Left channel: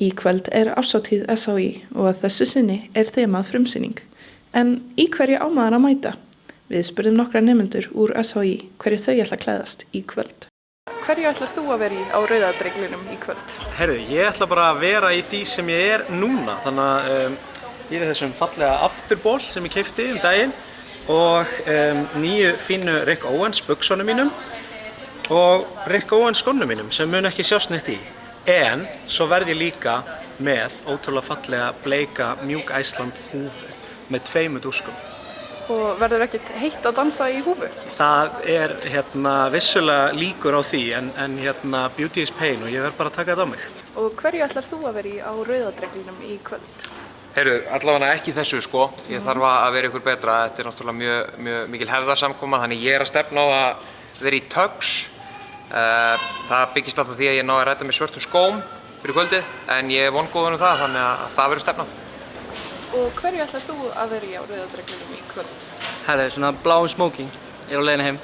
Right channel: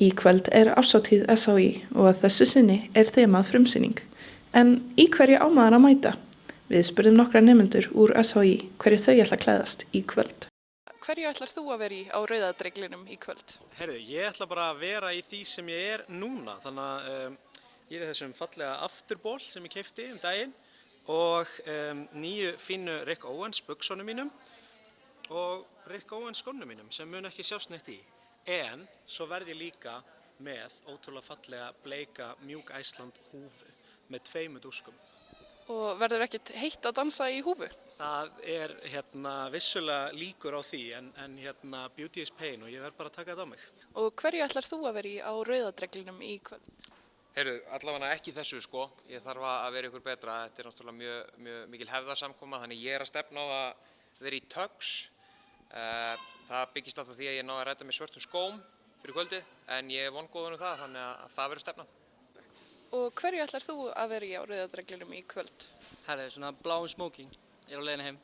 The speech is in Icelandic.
Í kvöld árshátíð SHÍ og að þessu sinni þemað frumsýning. En í hverju á maður að mæta? Við spurðum nokkra nemendur úr SHÍ hverju þau ætla að klæðast í kvöld. Hverju ætlar þú að vera í á Rauða dreglinum í kvöld? Herðu, ég ætla bara að vera í því sem ég núna. Þannig að ég í þessum fallega afturból sem ég keypti daginn og nýju fínu Rick Owens buxunum mínum og Rick Owens skónum mínum sem mun ekki sjást neitt í. En svo verð ég líka með ótrúlega fallega bleika mjúk Iceland húfu með 2 dúskum. Og verður ekkert heitt að dansa í húfu? Það vissulega líkur á því en beauty is pain og ég verð bara að taka þetta á mig. Og hverju ætlar þú að vera í á Rauða dreglinum í kvöld? Heyrðu, allavega ekki þessu sko. Ég þarf að vera ykkur betra. Þetta náttúrulega mjög mikil herðarsamkoma, þannig ég að stefna á að vera í tux. Það byggist alltaf því að ég náði að ræta með svörtum skóm fyrir kvöldið, en ég er vongóður það, þannig að það verður stefnan. Og hverju ætlar þú að vera í á Rauða dreglinum í kvöld? Herðu, svona bláum smoking. Ég á leiðinni heim.